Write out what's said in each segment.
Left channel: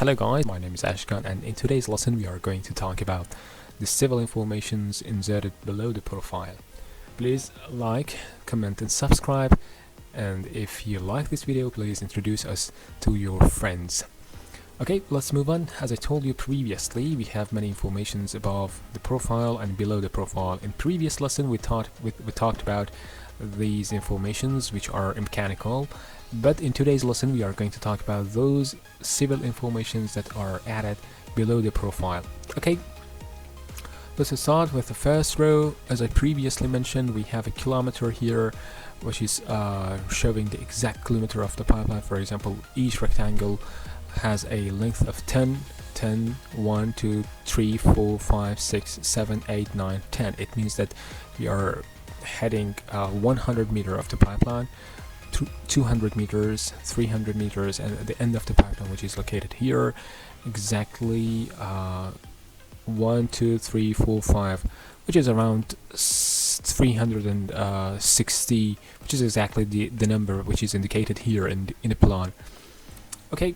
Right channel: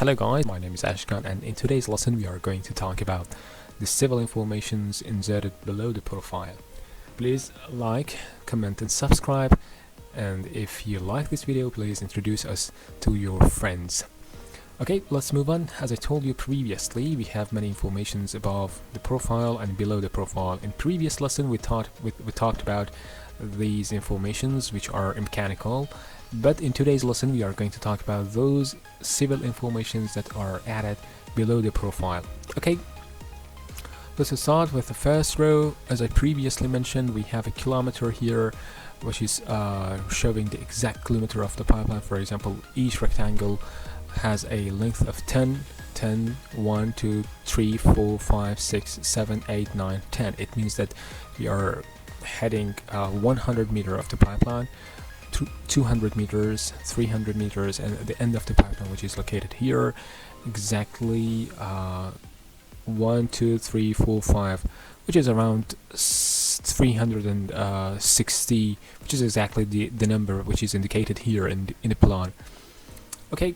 Hello guys, my name is Ashkan, and in today's lesson we are going to talk about the civil informations inserted below the profile. Please like, comment and subscribe, and if you like this video, please introduce us to your friends. Okay, let's move on. As I told you previously, we have many informations above the profile and below the profile. In previous lesson we talked about these informations which are mechanical, but in today's lesson we are going to talk about those civil informations that are added below the profile. Okay, let's start with the first row. As I previously mentioned, we have a kilometer here, which is showing the exact kilometer of the pipeline. For example, each rectangle has a length of 10, 1, 2, 3, 4, 5, 6, 7, 8, 9, 10. It means that we are heading 100 meter of the pipeline, 200 meters, 300 meters, and at the end of the pipeline, which is located here, exactly 1, 2, 3, 4, 5, which is around 360, which is exactly the number which is indicated here in the plan. Okay,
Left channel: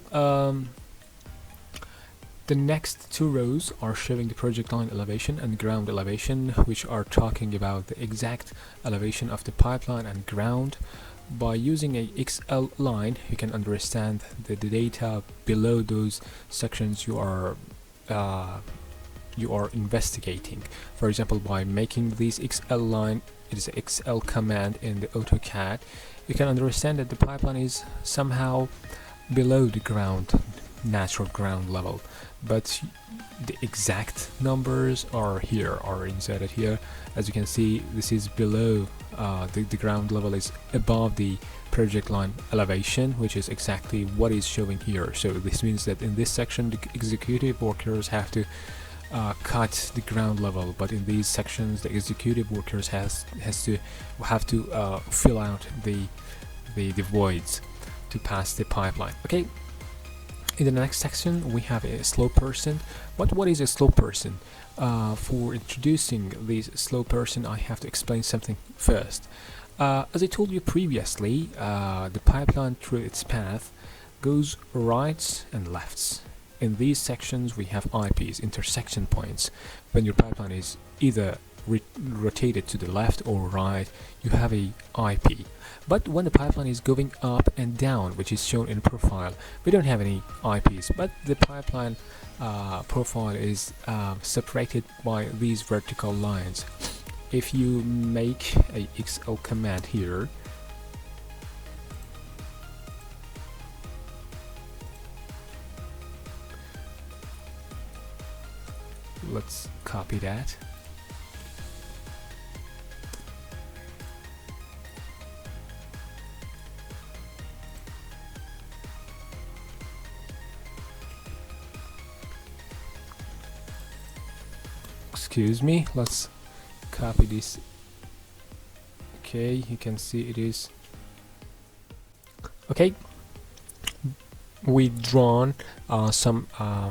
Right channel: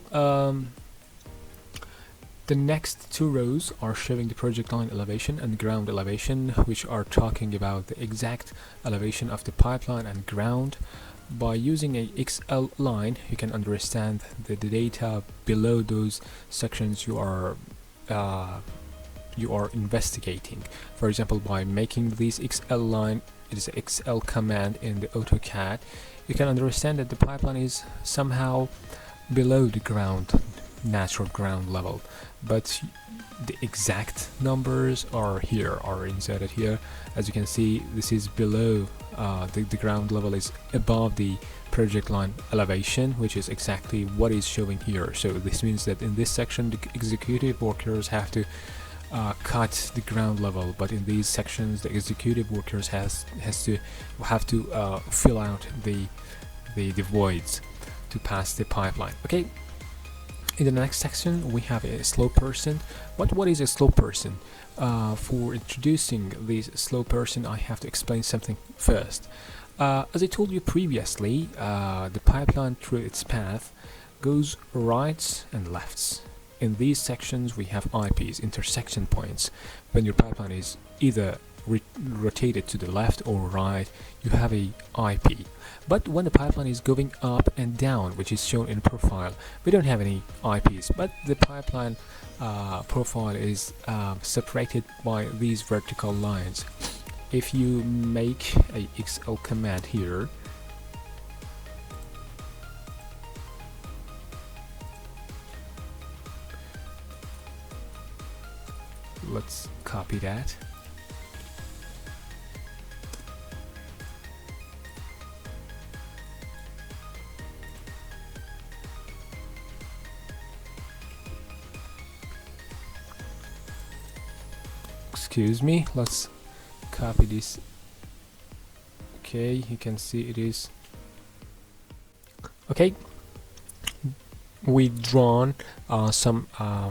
the next two rows are showing the project line elevation and ground elevation, which are talking about the exact elevation of the pipeline and ground. By using a XL line, you can understand the data below those sections you are investigating. For example, by making this XL line, it is an XL command in the AutoCAD, you can understand that the pipeline is somehow below the natural ground level, but the exact numbers are inserted here. As you can see, this is below the ground level is above the project line elevation, which is exactly what is showing here. So this means that in this section the executive workers have to cut the ground level, but in these sections the executive workers have to fill out the voids to pass the pipeline. Okay, in the next section we have a slow person. What is a slow person? For introducing this slow person, I have to explain something first. As I told you previously, the pipeline through its path goes rights and lefts. In these sections we have IPs, intersection points. When your pipeline is either rotated to the left or right, you have a IP. But when the pipeline is going up and down, which is shown in profile, we don't have any IPs, but the pipeline profile is separated by these vertical lines. If you make a XL command here, let's copy that. Excuse me, let's copy this. Okay, you can see it is okay. We've drawn some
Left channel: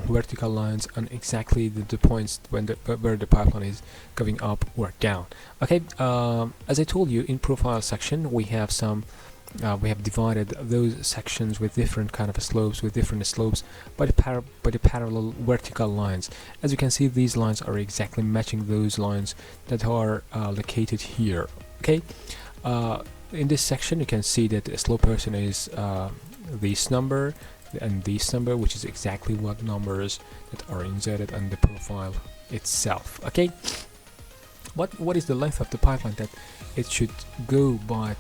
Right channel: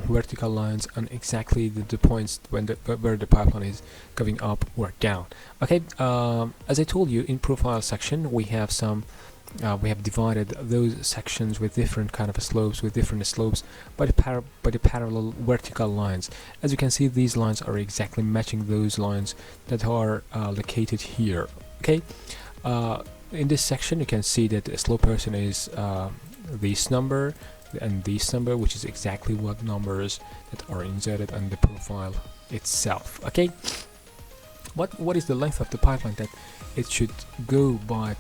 vertical lines on exactly the points where the pipeline is going up or down. Okay, as I told you, in profile section we have we have divided those sections with different kind of slopes, by the parallel vertical lines. As you can see, these lines are exactly matching those lines that are located here. Okay, in this section you can see that a slow person is this number and this number, which is exactly what numbers that are inserted on the profile itself. Okay, what is the length of the pipeline that it should go by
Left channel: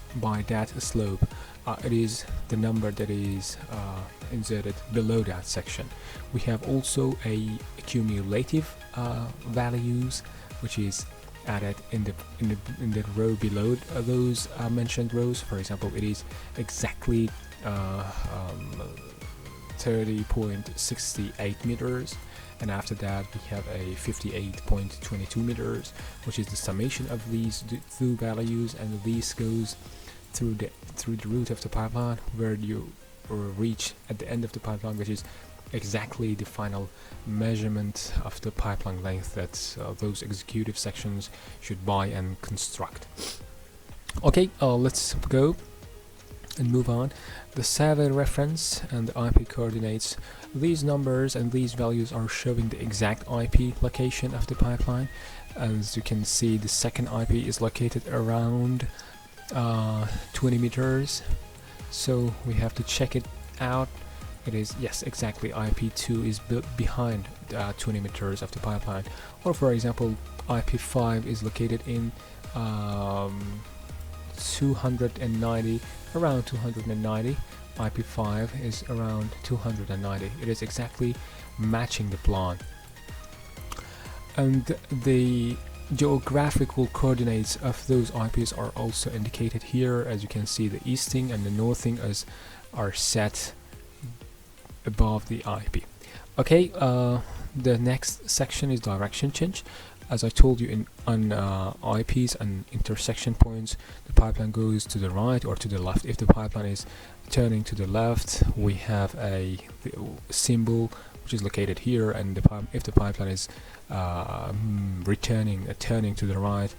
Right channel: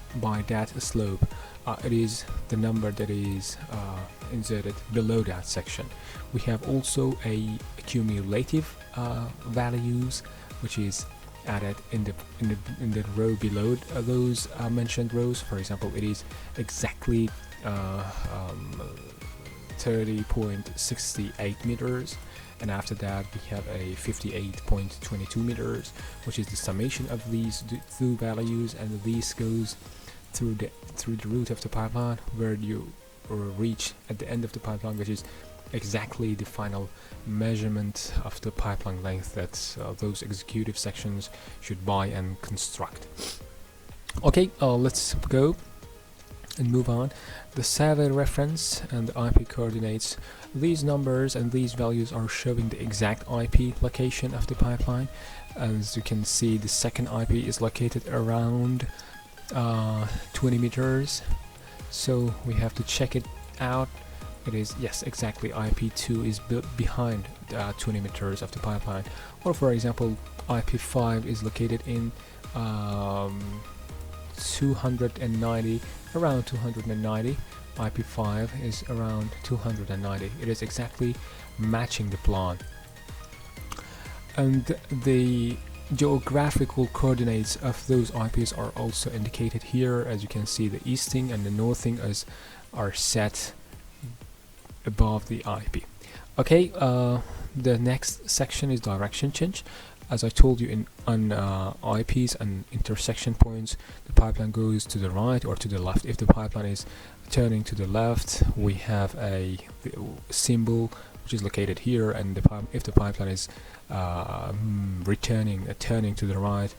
that slope? It is the number that is inserted below that section. We have also a cumulative values, which is added in the row below those mentioned rows. For example, it is exactly 30.68 meters, and after that we have a 58.22 meters, which is the summation of these two values, and this goes through the root of the pipeline, where you reach at the end of the pipeline, which is exactly the final measurement of the pipeline length that those executive sections should buy and construct. Okay, let's go and move on. the server reference and the IP coordinates. These numbers and these values are showing the exact IP location of the pipeline. As you can see, the second IP is located around 20 meters, so we have to check it out. It is, yes, exactly, IP2 is behind 20 meters of the pipeline. Or for example, IP5 is located in 290, around 290. IP5 is around 290. It is exactly matching the plan. And the geographical coordinates of those IPs are also indicated here. As you can see, the easting and the northing are set above the IP. Okay, the next section is direction change. As I told you, on IPs and intersection points, the pipeline goes to the right or to the left. If the pipeline is turning to the left, we have a symbol which is located here, and if the pipeline is turning to the right,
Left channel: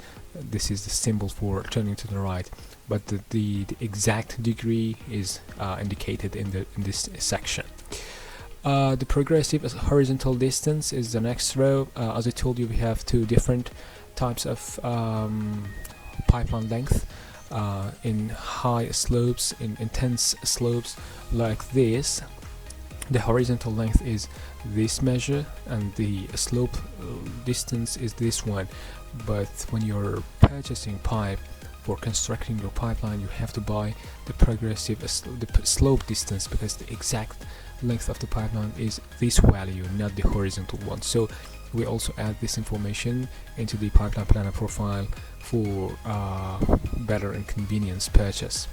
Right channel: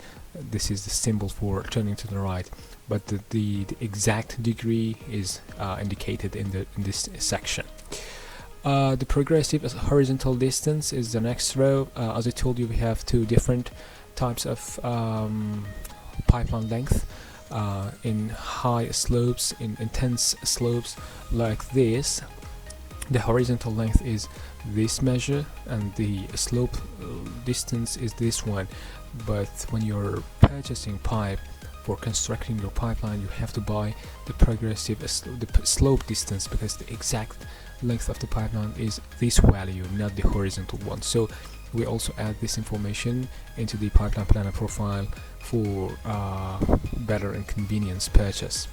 this is the symbol for turning to the right. But the exact degree is indicated in this section. The progressive horizontal distance is the next row. As I told you, we have two different types of pipeline length. In high slopes, in intense slopes like this, the horizontal length is this measure and the slope distance is this one. But when you're purchasing pipe for constructing your pipeline, you have to buy the progressive the slope distance, because the exact length of the pipeline is this value, not the horizontal one. So we also add this information into the pipeline planner profile for better and convenience purchase.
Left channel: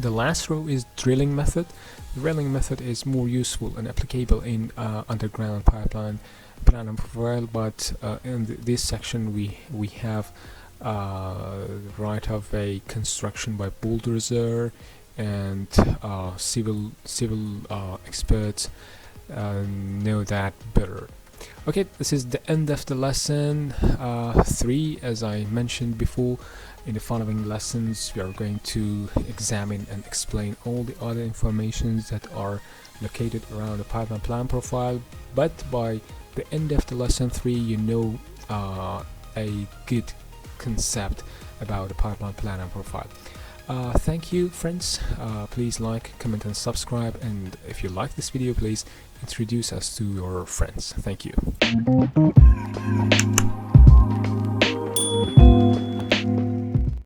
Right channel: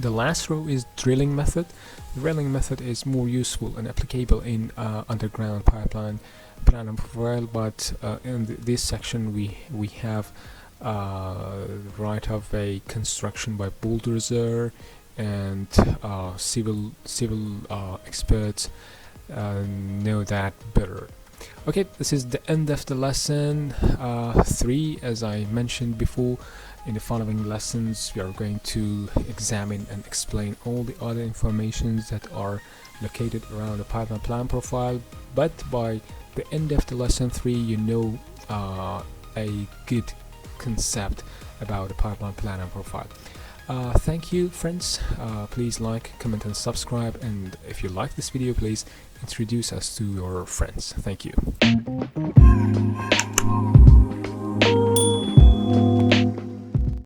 The last row is drilling method. The drilling method is more useful and applicable in underground pipeline planner profile, but in this section we have right of a construction by bulldozer, and civil experts know that better. Okay, this is the end of the lesson 3. As I mentioned before, in the following lessons we are going to examine and explain all the other informations that are located around the pipeline plan profile. But by the end of the lesson 3, you know a good concept about the pipeline planner profile. Thank you, friends. Please like, comment and subscribe, and if you like this video, please introduce us to your friends. Thank you.